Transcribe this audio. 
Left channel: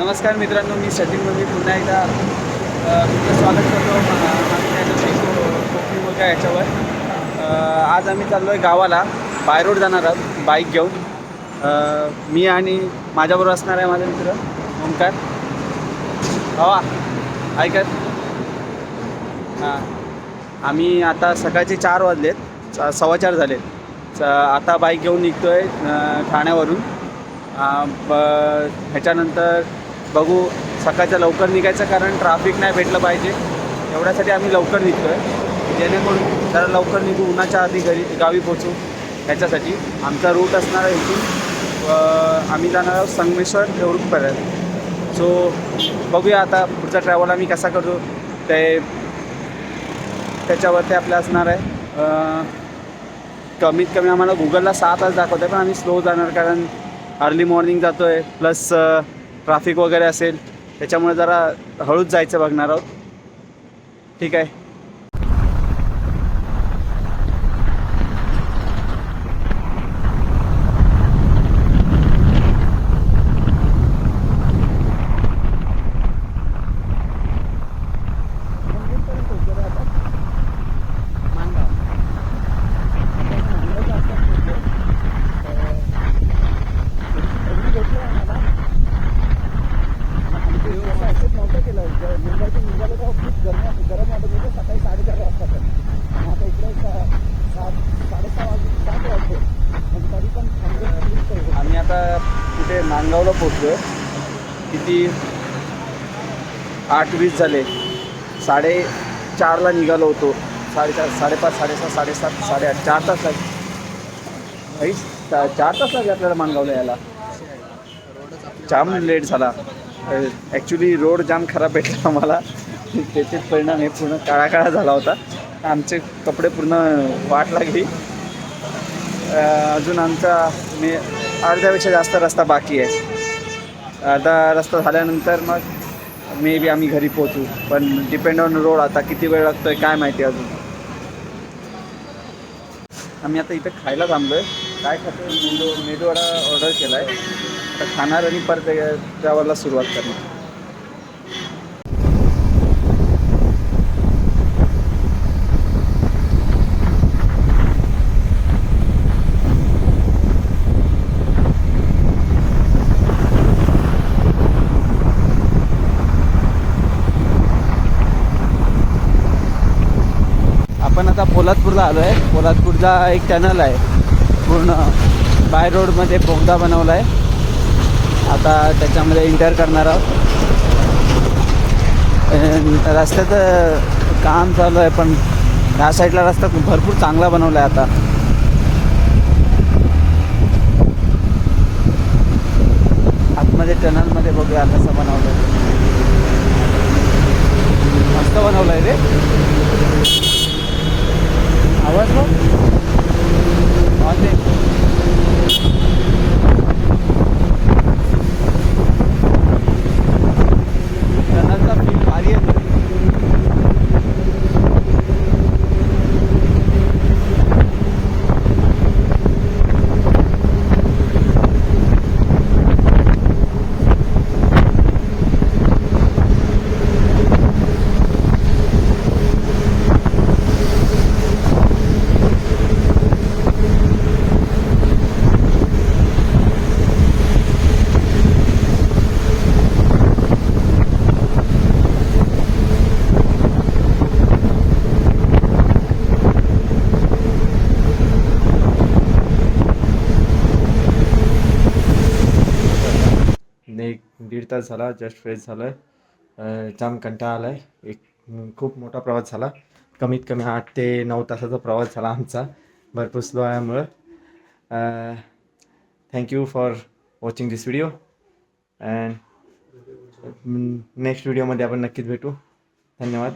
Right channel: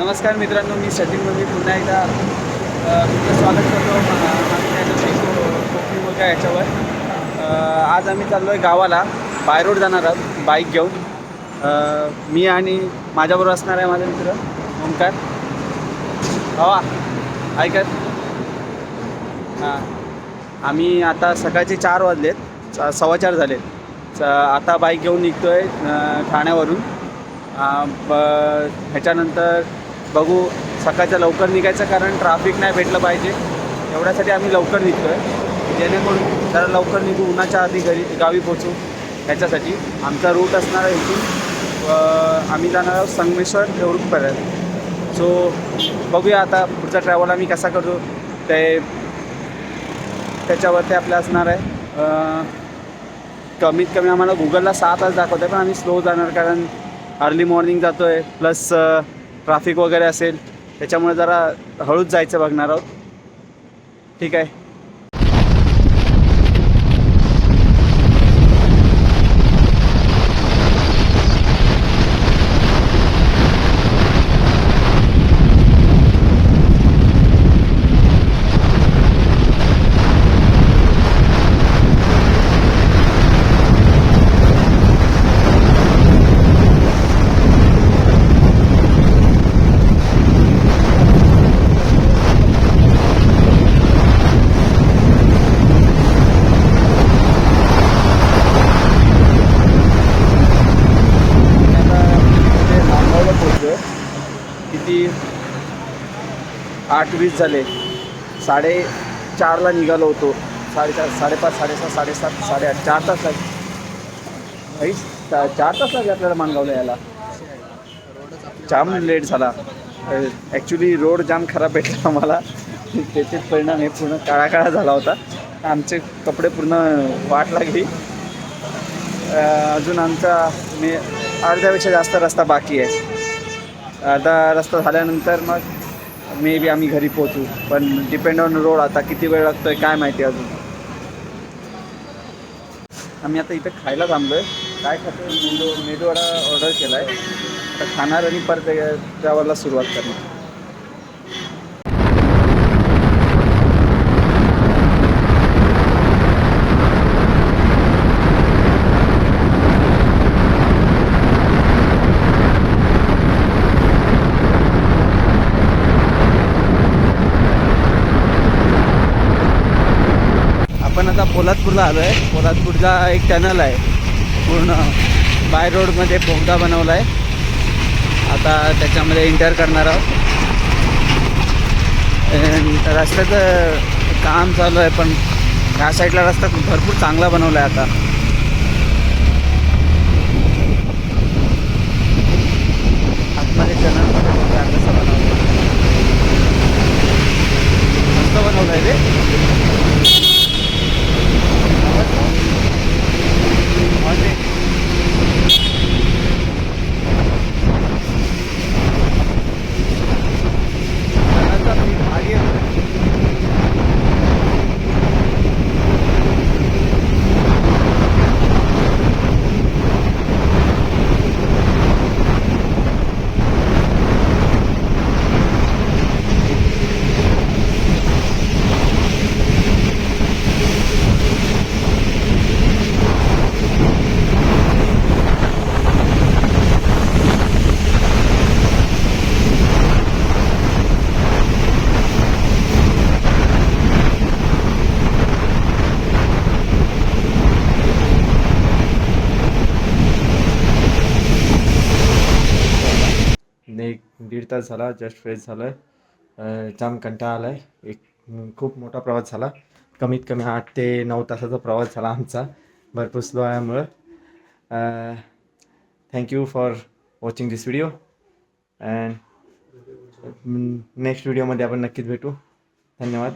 नमस्कार मित्रांनो मी सचिन पुन्हा एकदा तुमचं स्वागत करतो. कोकणी मुलगा याच्यावर. आज आम्ही चाललो आहे गावाला. बाय रोड जाणार आहोत. बाईक घेऊन. मी आणि माझ्याबरोबर असणार आहे माझा मित्र ओंकार. हवा ऐकत हां. आम्ही आता सकाळचे चार वाजलेत. स- सव्वा चार झालेत. आता बाईक घेऊन निघतो आहे ठाण्यावरून. ब ह्याच्यानंतर बघू सकाळच्या लवकर निघायचं कारण ट्रॅफिक नाही भेटलं पाहिजे. एवढ्यासाठी आम्ही लवकर निघतो आहे जेणेकरून जरा लवकर निघू उन्हाच्या आधी घरी गावी पोचू ह्याच्यासाठी आमचा रूट असणार आहे इथून आम्ही जाणार आहोत संगमेश्वर देवरुखपर्यंत सो बघूया आता पुढचा ट्रॅव्हल आम्ही कसा करतो. ते त्याच्यावरती आपलं असणार आहे. कमीत कमी आम्हाला गुगलला सहा तास दाखवतं आहे पण आम्ही स्लो जाणार कारण अर्ली मॉर्निंग जातो आहे प्लस ट्रॅफिक वगैरे असेल त्याच्यामुळे जरा हळूच जायचं बघणार आहोत. ठीक आहे आम्ही आता कुठे नांदगावला पोचलो किती? आठ वीस झाले. साडे चारला निघालो होतो. साडेचार साडेपाच साडेसात साडेसात साडेआठ चार तास लागले. भाई चार तास लागले आपल्याला माणगावला यायला. जाम लेट झाला. ॲक्च्युली रोड जाम खराब भेटला आम्हाला. त्याचे परिणाम हे पूर्ण काळा काळा झाला होता. आमचे कपडे पूर्ण वाट लागली. अजून आमचा मी अर्ध्यापेक्षा जास्त रस्ता बाकी आहे. अर्धा रस्ता झाल्यानंतर मग मे बी आम्ही घरी पोहोचू. पण डिपेंड ऑन रोड आता किती वेळ लागतोय काय माहिती अजून. आम्ही आता इथं खायला थांबलो आहे काय खातो मेदू मेदूवडा ऑर्डर केला आहे तर खाणार आणि परत ट्रॅव्हलला सुरुवात करणार. आपण आता पोलादपूरला आलो आहे पोलादपूरचा एक चॅनल आहे. पूर्ण बाय रोडमध्ये बोगदा बनवला आहे आता त्याच्यामध्ये इंटर करणार आहोत. रस्त्याचं काम चालू आहे पण ह्या साईडला रस्ता भरपूर चांगला बनवला आहे आता. आतमध्ये चॅनलमध्ये बघूया कसं बनवलं मस्त बनवलं आहे रे. एक झाला जस्ट फ्रेश झालो आहे जाम कंटाळा आला आहे एक खूप मोठा प्रवास झाला. कमीत कमी आठ ते नऊ तासाचा प्रवास झाला आमचा भरपूर स्लो आल्यामुळं. Thank you for watching this video and next व्हिडिओमध्ये आपण नक्कीच भेटू. धन्यवाद.